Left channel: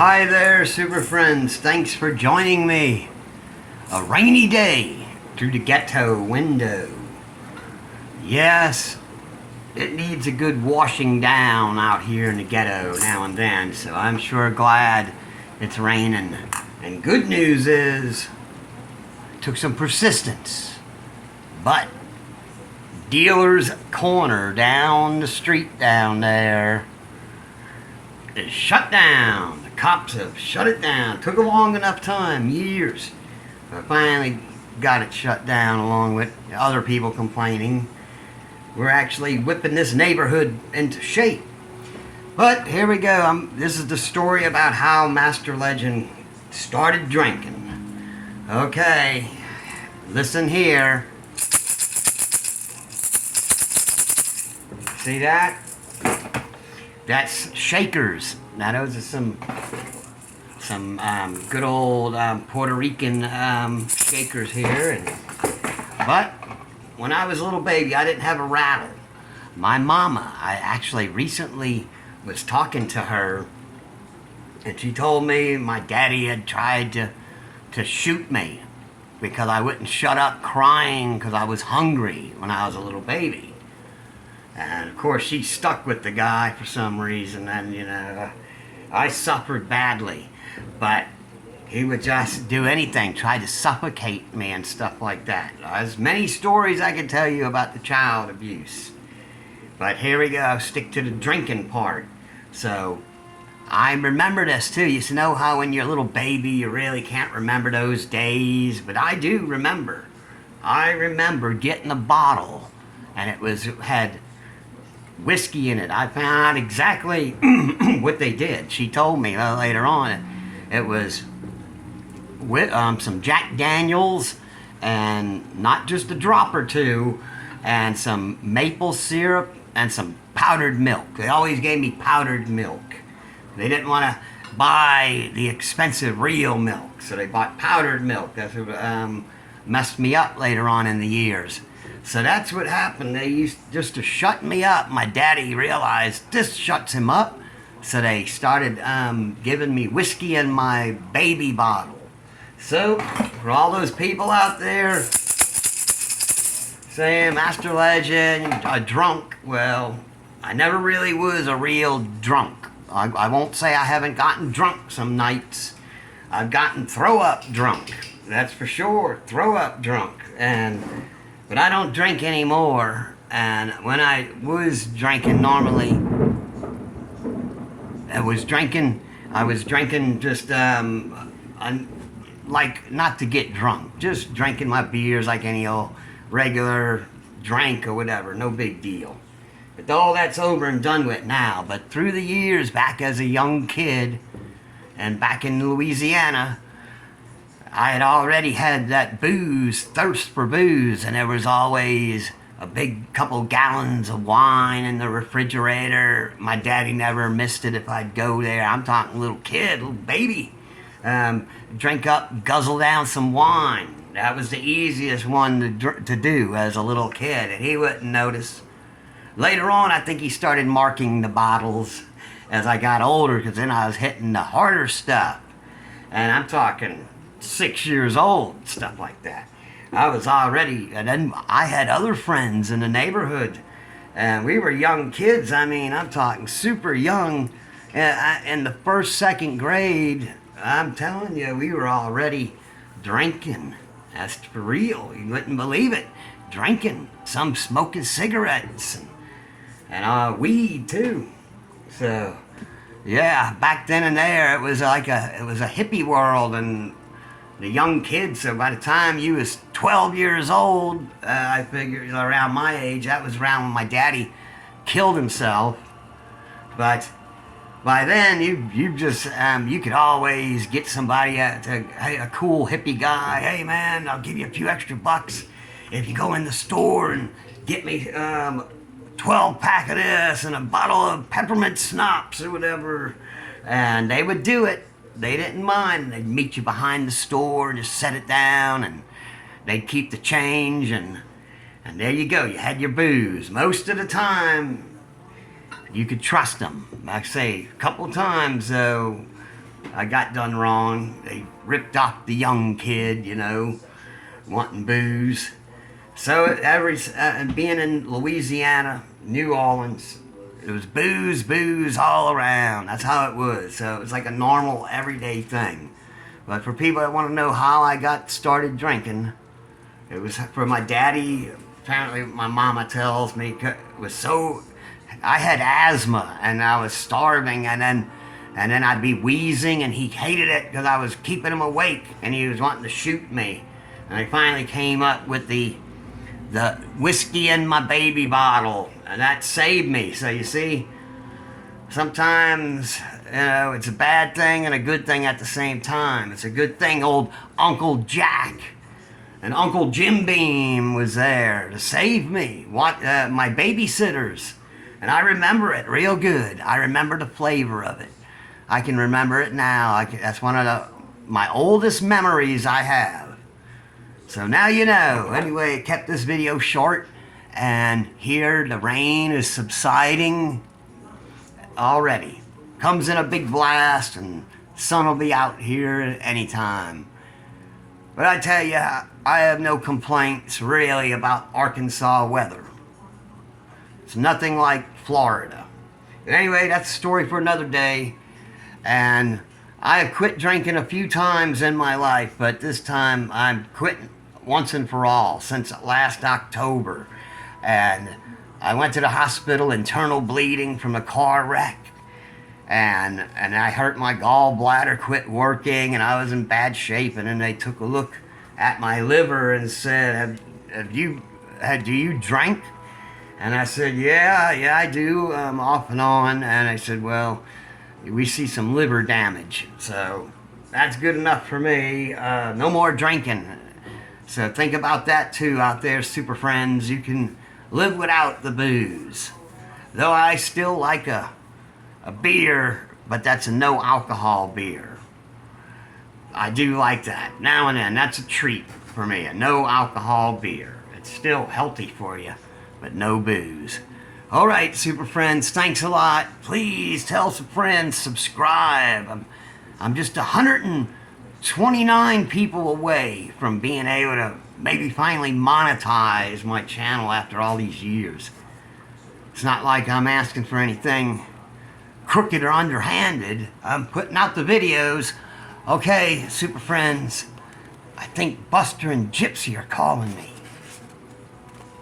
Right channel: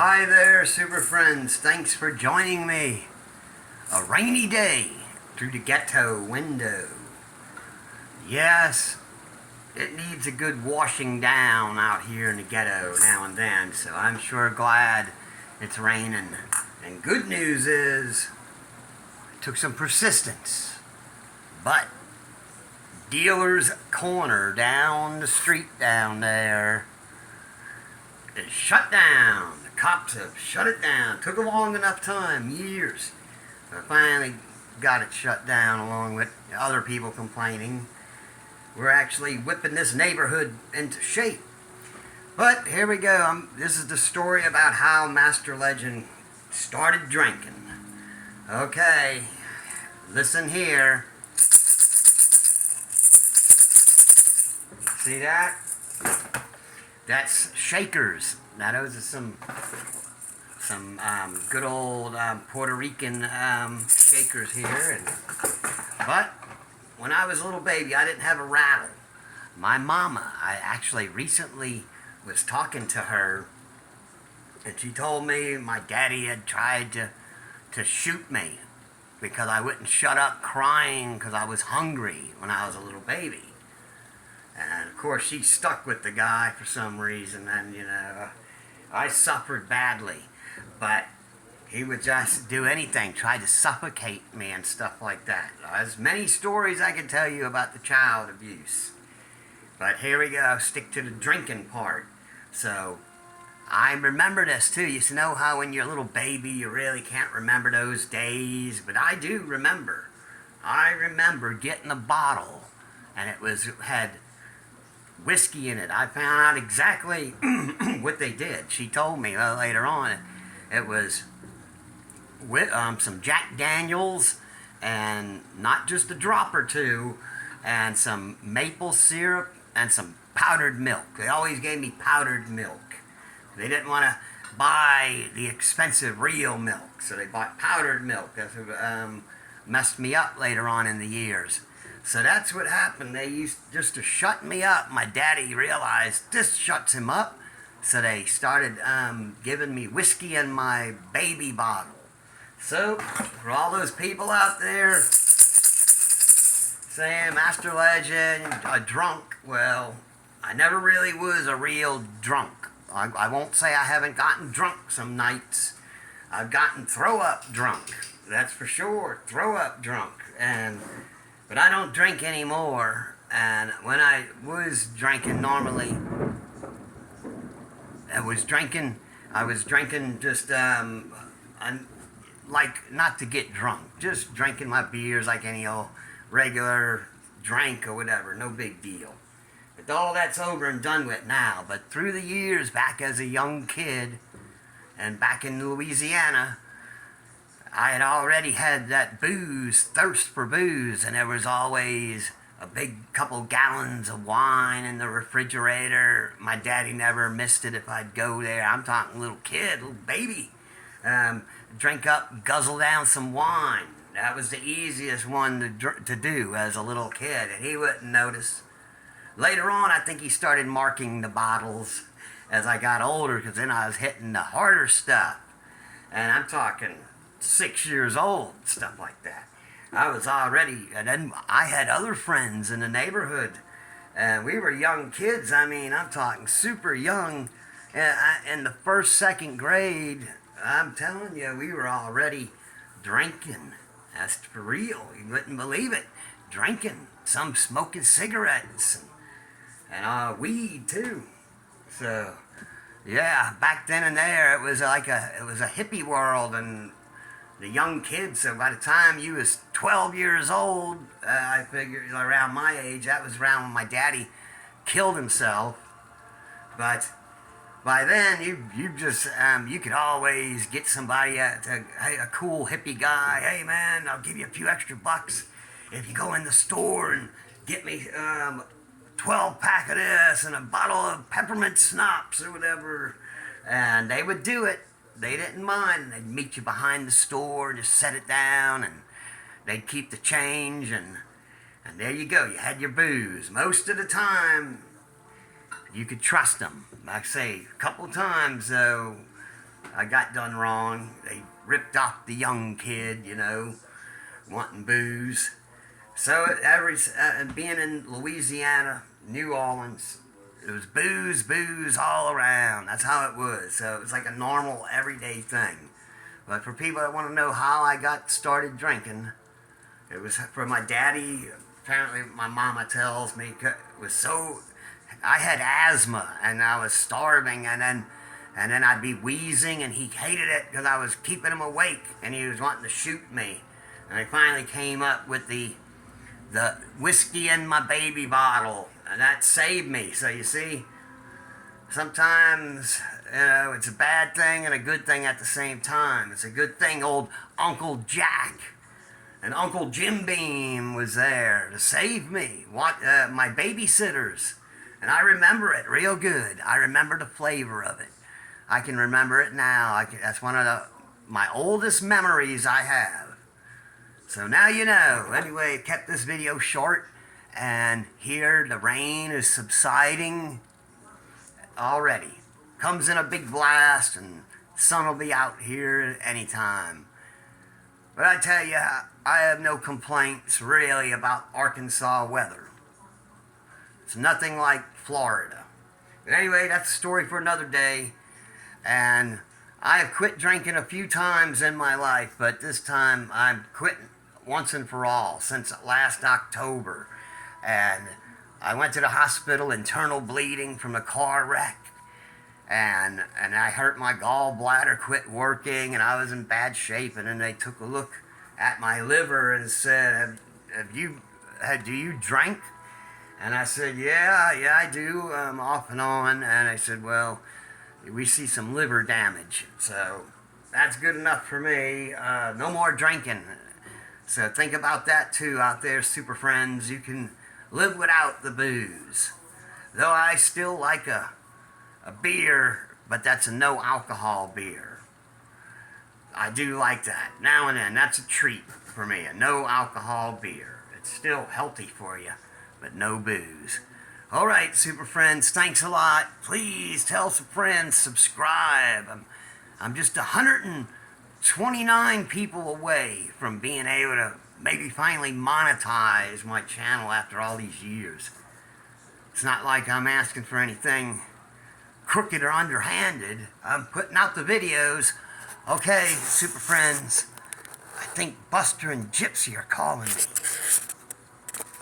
Hi there, super friends. Thanks for joining me. A rainy day through the ghetto window. Yes, it needs a good washing down out here in the ghetto now and then, so I'm sure glad it's raining. And good news is, it took some persistence, but Dealer's Corner down the street down there is shut down. The cops have shut it down. Took a long enough time, years, but finally got it shut down along with other people complaining. We're actually whipping this neighborhood into shape. But here we go. This is the story about how Master Legend started drinking. Okay, listen here. See that? That's shakers. Now those are some good old Puerto Rican shakers here. But when I was a little baby, I didn't have a rattle. My mama, I actually recently was talking to her, and she told me my daddy had tried to shoot me because I wouldn't shut up crying because I was hungry when I was a little baby. And of course, she stuck with the guy for some reason, and I suffered badly. But he would just do anything, try to suffocate me and stuff like that. There's many stories I could tell you about the child abuse. But here we go, stick to the drinking part. So, I remember this too. You know how when you're a little baby, you really can't remember those days? But I do remember. I remember getting a bottle, and it had whiskey in it. I found out exactly what they did. She told me later on. It was with some Jack Daniels, and not just a drop or two, and some maple syrup and some powdered milk. They always gave me powdered milk. They didn't want to buy the expensive real milk, so they bought powdered milk. That's what messed me up later on in the years. So that's what happened. They used just to shut me up. My daddy realized this shuts him up, so they started giving me whiskey in my baby bottle. So, for all those people out there saying Master Legend, a drunk, well, I never really was a real drunk. I won't say I haven't gotten drunk some nights. I've gotten throw-up drunk. That's for sure, throw-up drunk. But I don't drink anymore. And when I was drinking normally, I was drinking just, like, not to get drunk. Just drinking my beers like any old regular drink or whatever. No big deal. But all that's over and done with now. But through the years, back as a young kid, and back in Louisiana, I had already had that thirst for booze, and there was always a big couple gallons of wine in the refrigerator. My daddy never missed it if I'd go there. I'm talking little kid, little baby. Drink up, guzzle down some wine. That was the easiest one to do as a little kid, and he wouldn't notice. Later on, I think he started marking the bottles as I got older, because then I was hitting the harder stuff. And I'm talking 6 years old, stuff like that. I was already, and then I had other friends in the neighborhood, and we were young kids. I mean, I'm talking super young. In the first, second grade, I'm telling you, we were already drinking. That's for real. You wouldn't believe it. Drinking. Some smoking cigarettes and weed too. So, yeah, back then and there, it was a hippie world, and the young kids. So by the time you was 12 years old, I figured around my age, that was around when my daddy killed himself. But by then, you just you could always get somebody hey, a cool hippie guy. Hey man, I'll give you a few extra bucks if you go in the store and get me 12-pack of this and a bottle of peppermint schnapps or whatever. And they would do it. They didn't mind. They'd meet you behind the store, just set it down, and they'd keep the change, and there you go. You had your booze. Most of the time, you could trust them. Like I say, a couple of times, though, I got done wrong. They ripped off the young kid, wanting booze. So being in Louisiana, New Orleans, it was booze, booze all around. That's how it was. So it was like a normal, everyday thing. But for people that want to know how I got started drinking, it was for my daddy. Apparently, my mama tells me it was so. I had asthma and I was starving, and then I'd be wheezing, and he hated it because I was keeping him awake, and he was wanting to shoot me. And I finally came up with the whiskey in my baby bottle, and that saved me. So you see, sometimes it's a bad thing and a good thing at the same time. It's a good thing old Uncle Jack and Uncle Jim Beam was there to save me. My babysitters, and I remember it real good. I remember the flavor of it. I can remember it now. That's one of my oldest memories I have. So now you know. Anyway, I kept this video short, and here the rain is subsiding already. Comes in a big blast, and sun will be out here at any time. But I tell you, I have no complaints really about Arkansas weather. It's nothing like Florida. Anyway, that's a story for another day. And I have quit drinking a few times in my life, but this time I'm quitting once and for all since last October. And I went to the hospital, internal bleeding from a car wreck. And I hurt my gallbladder, quit working, and I was in bad shape. And then they took a look at my liver and said, do you drink? And I said, yeah, I do, off and on. And I said, well, we see some liver damage. So that's good enough for me. No more drinking. So think about that too out there, super friends. You can live without the booze. Though I still like a beer, but that's a no alcohol beer. I do like that now and then. That's a treat for me, a no alcohol beer. It's still healthy for you, but no booze. All right, super friends, thanks a lot. Please tell some friends, subscribe. I'm just 129 people away from being able to maybe finally monetize my channel after all these years. It's not like I'm asking for anything crooked or underhanded. I'm putting out the videos. Okay, super friends, I think Buster and Gypsy are calling me.